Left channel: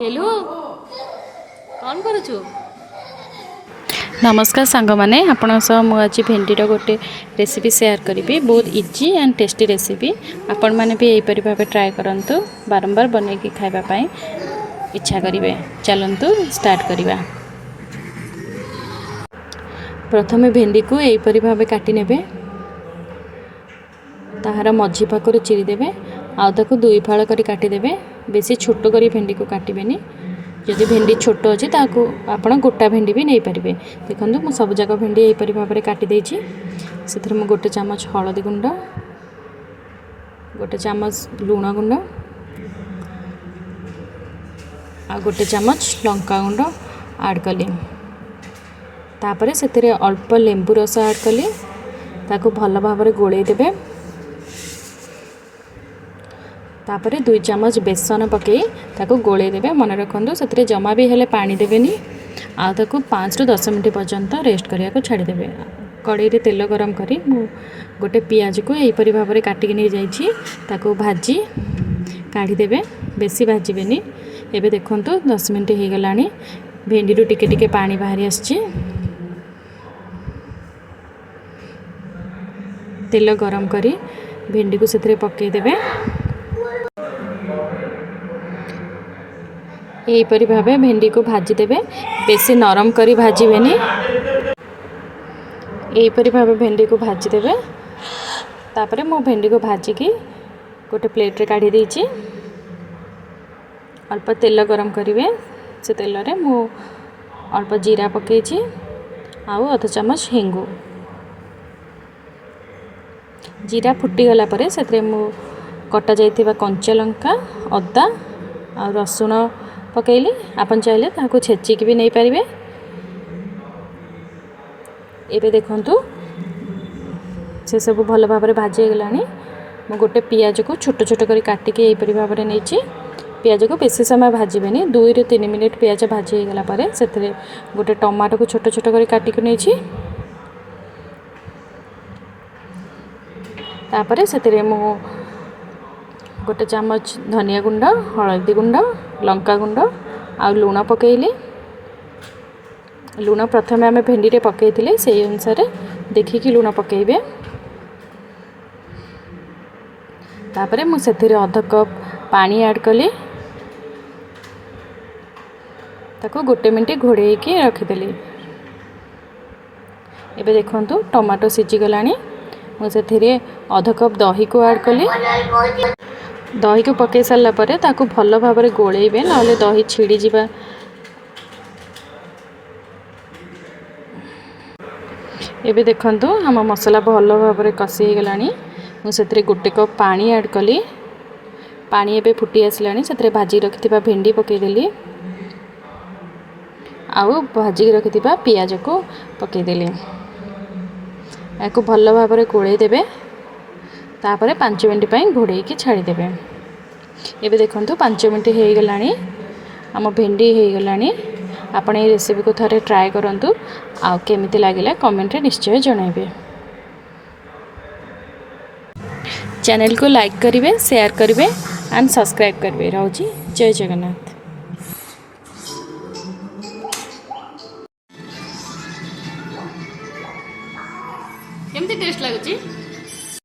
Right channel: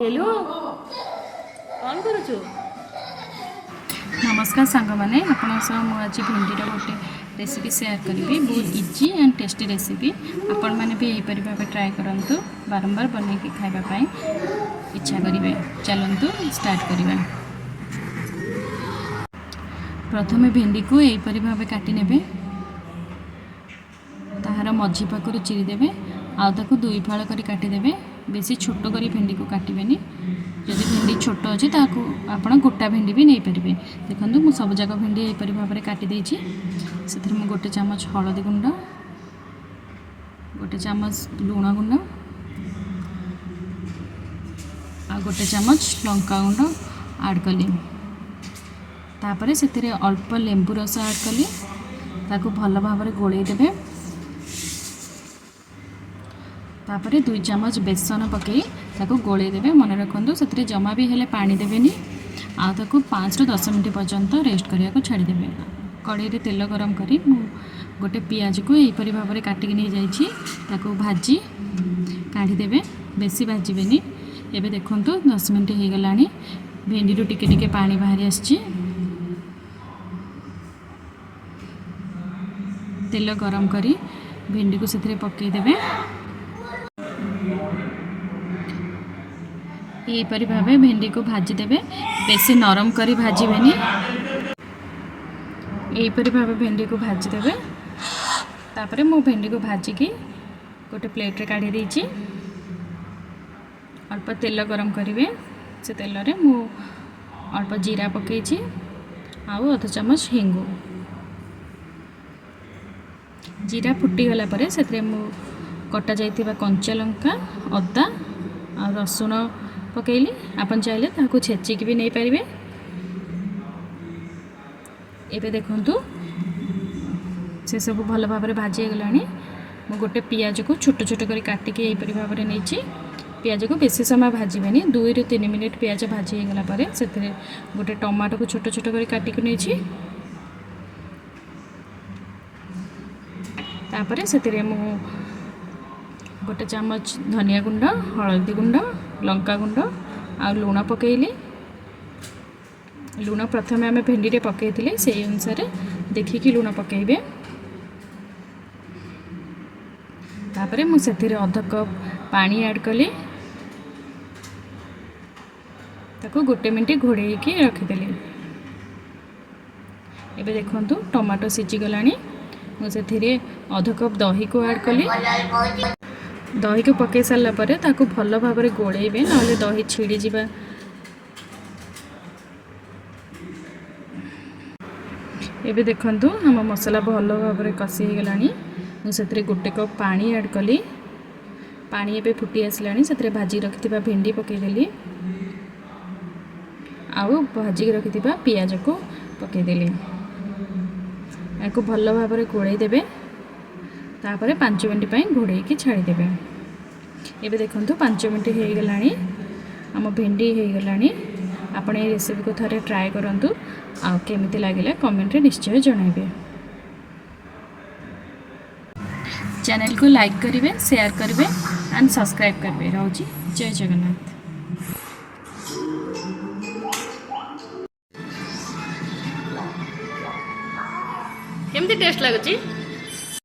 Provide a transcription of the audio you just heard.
Hello कौन करुचु। नमस्कार सांग मैंने आपण आज भेंडीर गोटे रेसिपी शेयर करी बहुत इजी एंड टेस्टी रेसिपी आपण मैंने भी यहीपरि भाव ट्राए करूँ बारंबार बन खावाई इच्छा करेंगे। चलतु स्टार्ट करवा। प्रथमे भेंडी को यहीपरि भाव काटी नेबे ताहार मझी पाखर चिरीदेवे आउ दुई फाड़ कर काटिदेवे। बेसी छोट कर भेंडी को काटबेनि जदि भेंडी छोट अच्छे ताकू आपण गोटा भेंडी भी नहीं पारे। देखो मुझ सब जाक भेंडी यहीपरि भाव में काटिदे से गोटे चामच हलदी गुंड गोटे चामच लुण गुंड आ गोटे चामच लंका गुंड आड कली तापर से अल्प लेंबू रस आड कली ताकू भल भाव गोले देवे। तापर 2 चामच बेसन पकई ताको गोले देवे। मन रखु से जमा भी हेले पानी देवेनि आ ताको 5 ରୁ 10 मिनट पर्यंत रेस्ट करिया को छाड़ी देवे। कड़ाई रे तेल गरम करी गोटे पियाज को यहीपरि भाव में काटिक नहीं जाइए ताको भाजी काढ़ी देवे। बेसी भाजबेनि। एबे देखंतु 10 मिनट हो गलानी भेंडी रू टिके टिके पानी बाहरी आछि। तेल गरम करी भेंडी को से पकई देवे। यहीपरि भाव भेंडी को भाजी देवे। बेसी नरम करी भाजबेनि। यहीपरि भाव भेंडी को भाजी देवे। तापर मो भेंडी को भाजिकी गोटे प्लेट रे काढ़ी देछि। अल्प तेल गरम करेंगे से तेल रे मो अल्प जीरा पकई आउ अध चामच हेंगु। जीरा फुटीगला पर से मो कटा जाइथिबा कंचा लंका अदा आ रसुण पकईली। आपन चाहले ताको छेचिक भी नहीं पारे। एबे देखंतु से सब भल भाव में भाजी गलानी। मो गोटे पियाज को छोट छोट कर काटिक यहीपरि भाव में नहीं। पियाज को बेसी समय भाजबेनि 2 ରୁ 3 मिनिट पियाज भाजी गला पर से गोटे टमाटो को छोट छोट कर काटिक नहीं। तापर से मो गोटे चामच धनिया गुंड हलदी गुंड लंका गुंड आ लुण पकईली। लुण प्रथमे आम भेंडी रे पकई से अनुसार देखिकी लुण पकईबे। तापर मुझे अध कप पानी ऐड कली ताको गोटे मिनट घोड़े के रखीदेली। एबे देखंतु टमाटो सीझी गलानी। मुझे अध कप दही को ऐड कली। दही को पकई सारा पर ताको भल भाव में गोलेबे ना दही छिड़ी जिबा। एबे देखंतु हम मसला भल भाव में कषि गलानी। मुझे गोटे कप पानी ऐड कली। पानी एबे फुटी आसलानी से भाजी रखिथिबा भेंडी पकईदेली आउ भाजी रखिथिबा पियाज को पकईदेली। याको भल भाव में गोले देवे। तापर 5 मिनट घोड़े की छाड़ीदेवे। एबे देखंतु 5 मिनट हो गलानी आम भेंडी हो गलानी। आपण ये रेसिपी को थरे ट्राए करंतु आ केमिति लागिला कमेंट रे निश्चय जणाइबे। चैनल को लाइक करिवे शेयर करिवे एंड सब्सक्राइब करिवे। रहउची जय जगन्नाथ। केमती टेस्ट लागुची।